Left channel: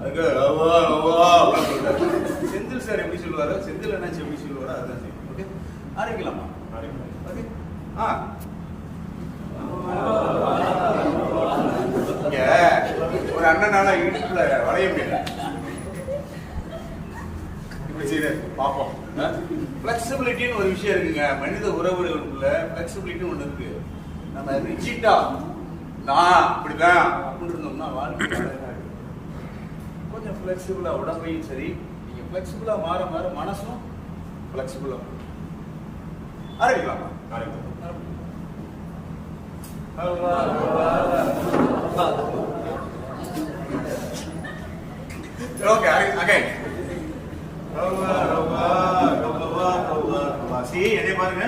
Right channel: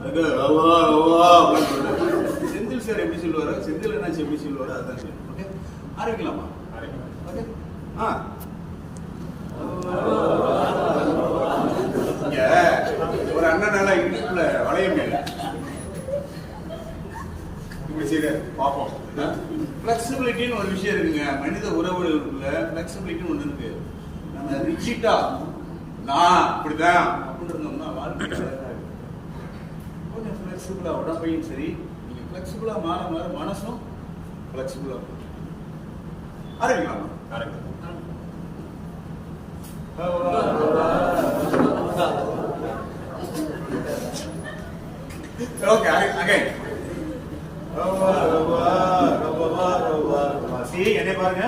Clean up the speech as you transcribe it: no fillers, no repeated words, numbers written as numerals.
அதுக்கு செந்தில் சார் எப்படி சொல்லுவாரோ, செந்தில் என்னாச்சு எப்படி சொல்லுவாரோ அதுதான் சரி. ஓகே, ஆரம்பிக்கலாமா? ஓகே. ஒரு அண்ணனால இடுப்புல வளைய முடியல, இப்படி செய்ய பார்ப்போம். பிளெக்சிபிலிட்டின்னு ஒரு விஷயம் இருக்குங்க. மனித உறவுகளுக்குள்ள பிளெக்சிபிலிட்டின்னு ஒண்ணு இருக்கு. நம்ம ரிச்சிட்டா நான் இப்படிதான் அப்படின்னு இருந்தோம்னா வாழ்க்கை கொஞ்சம் பிளெக்சிபிளா, உடம்பையும் சரி நீங்க பிளெக்சிபிளா மாற மாற மனசும் பிளெக்சிபிளா ஆரம்பிக்கலாமா? Okay, again. என்னை பாருங்க.